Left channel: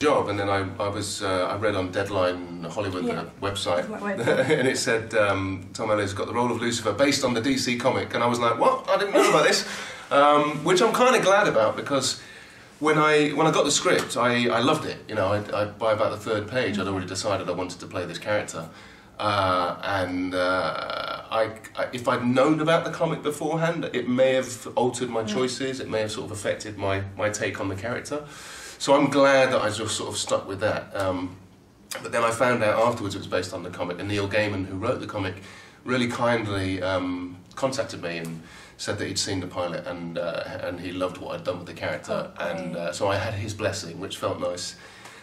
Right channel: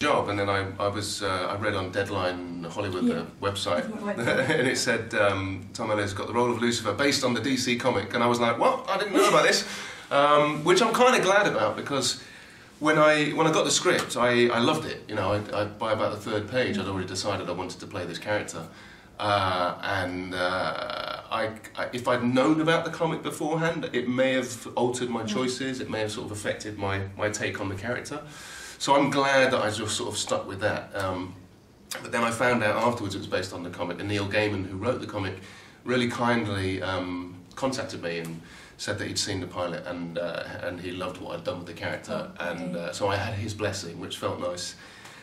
job, and then I read on Deadline Hollywood, the website, and it said Tom Ellis got the role of Lucifer based on the DC comic, and I was like, what? I didn't know about this, which I'm kind of glad about, because when I got the script, I loved it. You know, by about the third page, I'd already decided I wanted to play this character, if I'd known about the comic beforehand, it may have altered my choices. It may have sort of affected my take on the character. So I'm glad that I just sort of stuck with that. But then I found out afterwards it was based on the comic, and Neil Gaiman, who wrote the comic, really kindly contacted me and said that he'd seen the pilot and he loved what I'd done with the character, and so I had his blessing, which felt nice.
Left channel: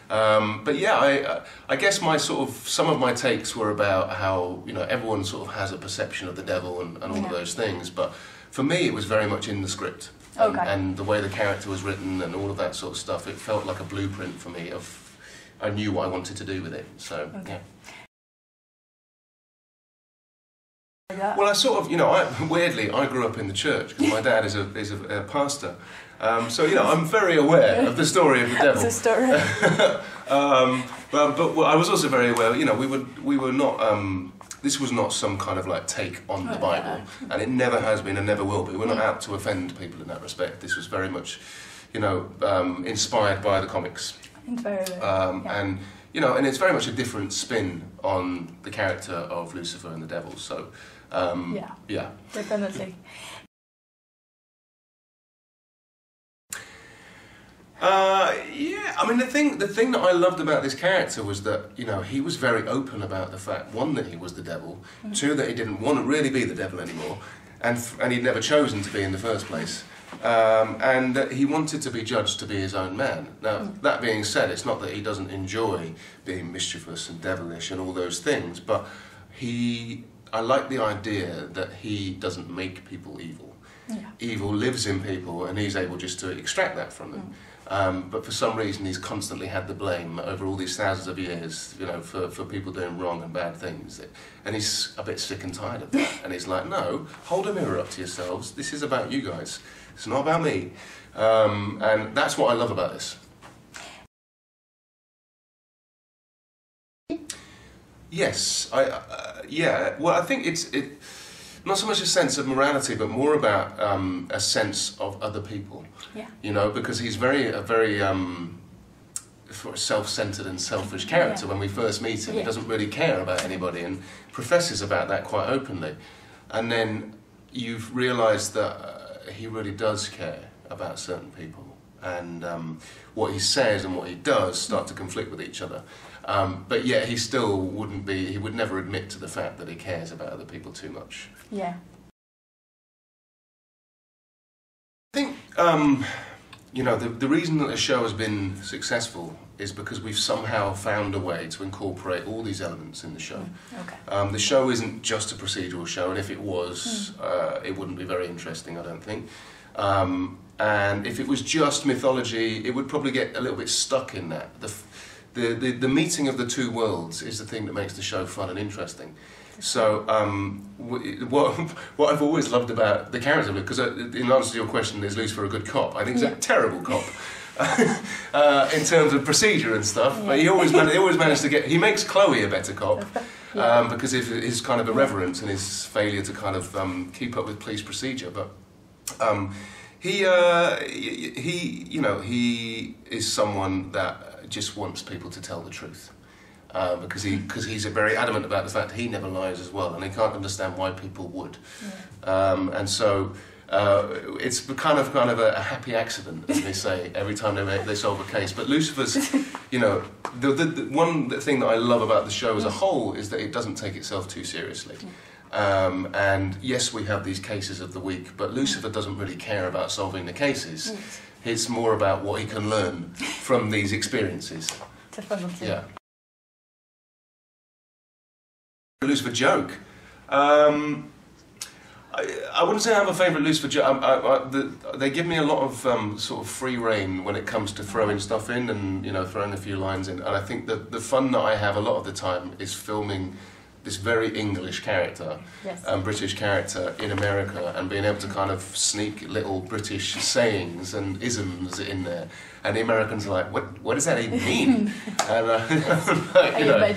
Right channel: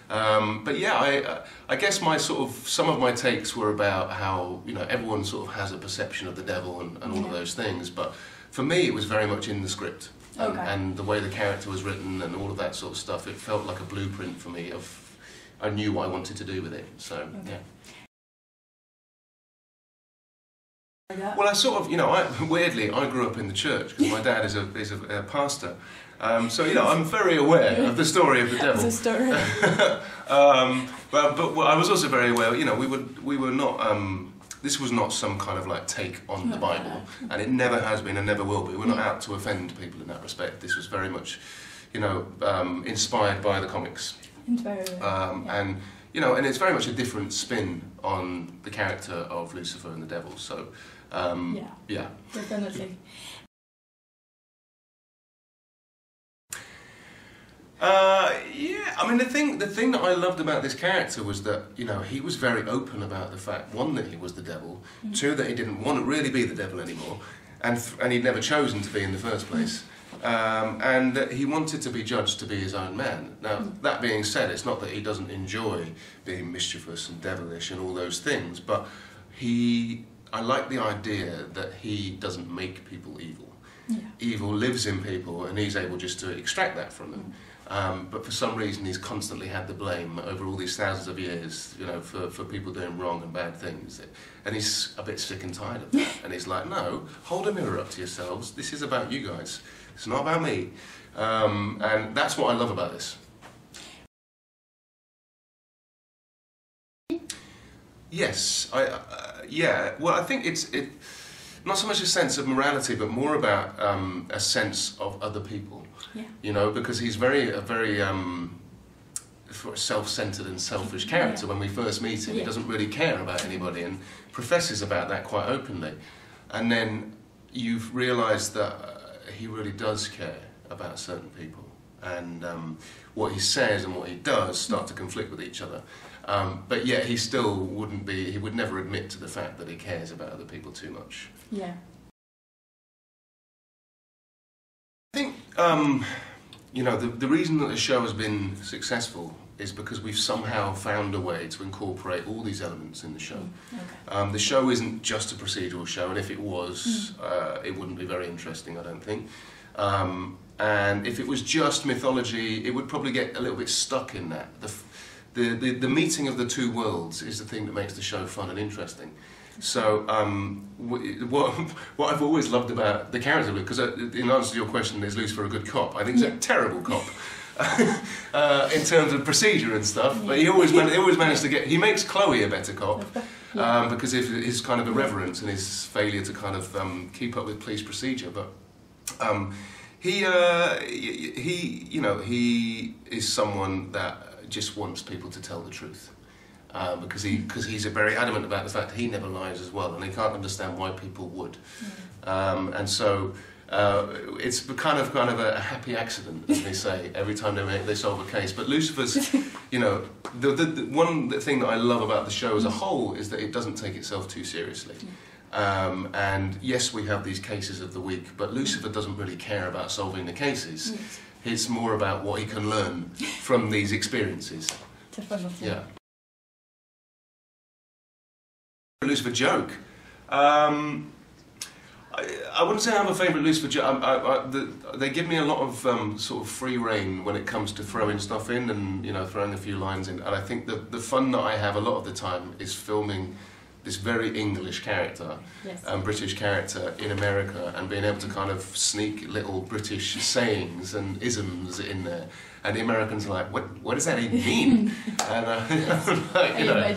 But yeah, I guess some of my takes were about how, you know, everyone sort of has a perception of the devil and all of those things, but for me it was very much in the script. And the way the character was written and all of that sort of stuff, it felt like a blueprint for me of, I knew what I wanted to do with it, so yeah. Well, I sort of, you know, weirdly, I grew up in the church because my dad is a pastor. So, you know, I'm very aware of the story of the devil. It's a story. But I was also very aware, you know, we were not, this was not some kind of like take on the Bible, and it never has been and never will be. We're not out to offend people in that respect. This was very much, you know, inspired by the comics. And, you know, and it's very much a different spin on the character of Lucifer and the devil, so, yeah. Definitely. Yeah, I mean, the thing that I loved about this character was that, you know, he was very open about the fact, one, that he was the devil, two, that he didn't want to really be the devil anymore, and he'd never chosen to be in the first place, and that he wanted to be judged to be his own man. Now, that being said, it's not that he doesn't enjoy being mischievous and devilish and all those things, but I like the idea that he doesn't make people evil. Evil lives in people, and he's able just to extract that from them. But for some reason, he's constantly had the blame over all these thousands of years, you know, for people doing wrong and bad things. And he's a bit sick and tired of that. And he's like, no, hold a mirror up to yourselves. This is about you guys. It's not about me. And that's what I love about this. Yes, yeah. Well, I think it's not so much a sense of morality, but more about a sense of other people. You know, because he's a very self-centered and selfish character. When we first meet him, he doesn't really care about anybody and professes about that quite openly. And then you've realised that he really does care about certain people, and what he says and what he does start to conflict with each other. But yet he still he would never admit to the fact that he cares about other people too much. Yeah. I think, you know, the reason that the show has been successful is because we've somehow found a way to incorporate all these elements in the show. The show isn't just a procedural show, and if it was, it wouldn't be very interesting, I don't think. And if it was just mythology, it would probably get a little bit stuck in that. The meeting of the two worlds is the thing that makes the show fun and interesting. So what I've always loved about the character, because in answer to your question, is Lucifer a good cop? I think he's a terrible cop in terms of procedure and stuff. But he always managed to he makes Chloe a better cop because of his kind of irreverence and his failure to kind of keep up with police procedure. But he you know, he is someone that just wants people to tell the truth. Because he's very adamant about the fact he never lies as well, and he can't understand why people would. And so it's kind of a happy accident, as they say, every time they solve a case. But Lucifer's, you know, the one thing that I love about the show as a whole is that it doesn't take itself too seriously. And yes, we have these cases of the week, but Lucifer doesn't really care about solving the cases. It's more about what he can learn from these experiences. Yeah. Lucifer joke. I wouldn't say I have a favourite Lucifer joke. They give me a lot of sort of free rein when it comes to throwing stuff in and, you know, throwing a few lines in. And I think that the fun that I have a lot of the time is filming this very English character, Yes. British character in America, and being able to kind of sneak little British sayings and isms in there. And the Americans are like, what does that even mean? And like, you know,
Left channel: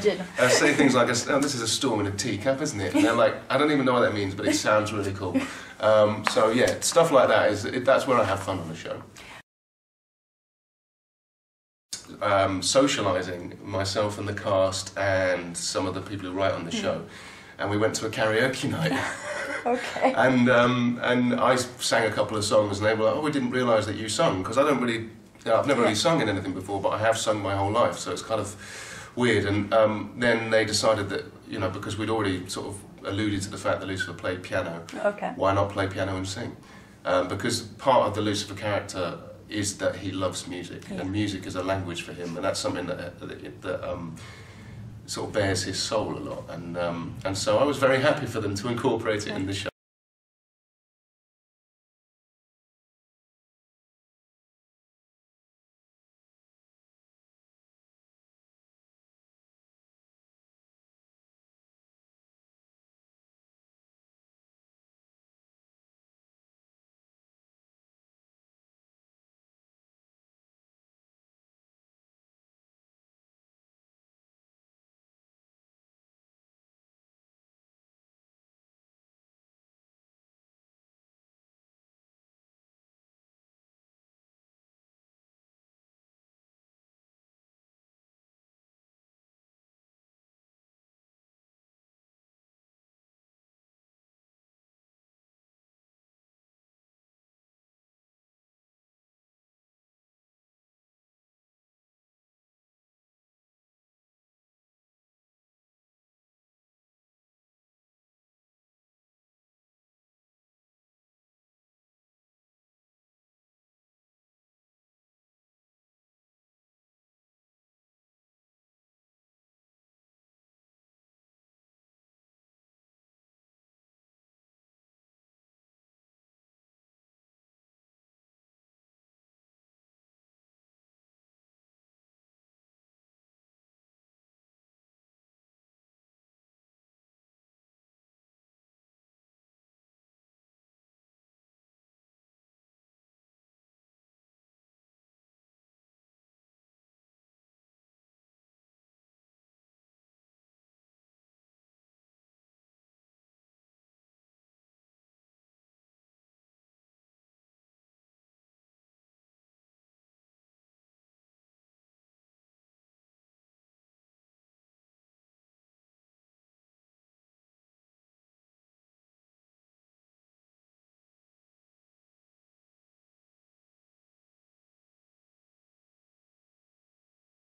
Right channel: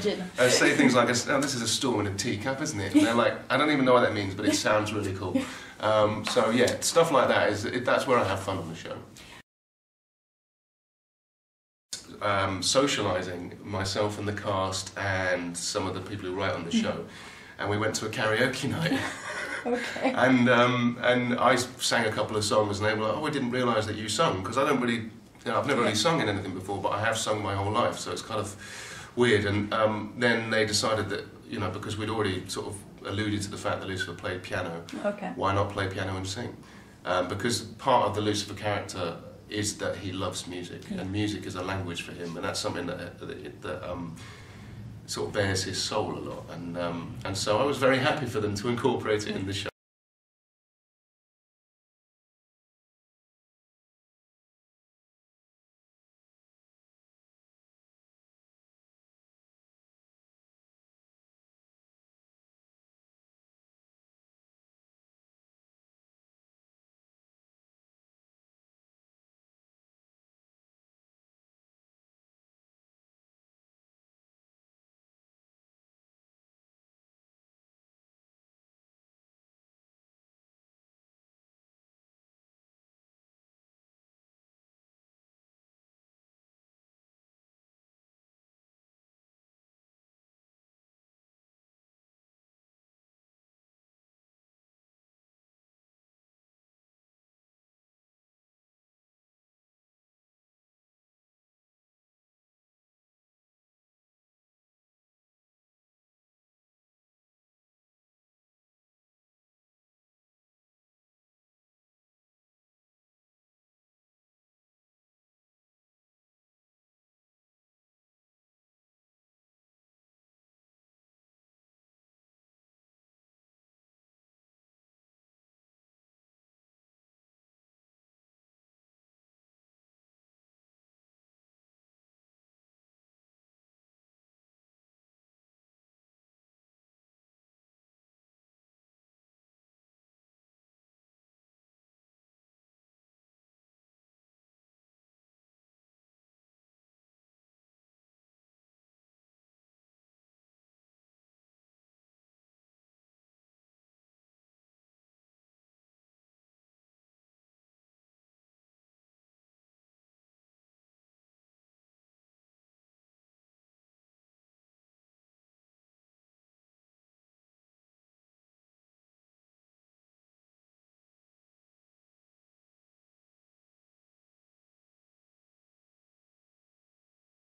say things like, oh, this is a storm in a teacup, isn't it? And they're like, I don't even know what that means, but it sounds really cool. So yeah, stuff like that that's where I have fun on the show. Socialising myself and the cast and some of the people who write on the show, and we went to a karaoke night. Okay. And I sang a couple of songs, and they were like, "Oh, we didn't realise that you sung," because I don't really, I've never really sung in anything before, but I have sung my whole life, so it's kind of weird. And then they decided that, you know, because we'd already sort of alluded to the fact that Lucifer played piano, Okay. why not play piano and sing? Because part of the Lucifer character is that he loves music, and music is a language for him, and that's something that sort of bears his soul a lot. And so I was very happy for them to incorporate it in the show.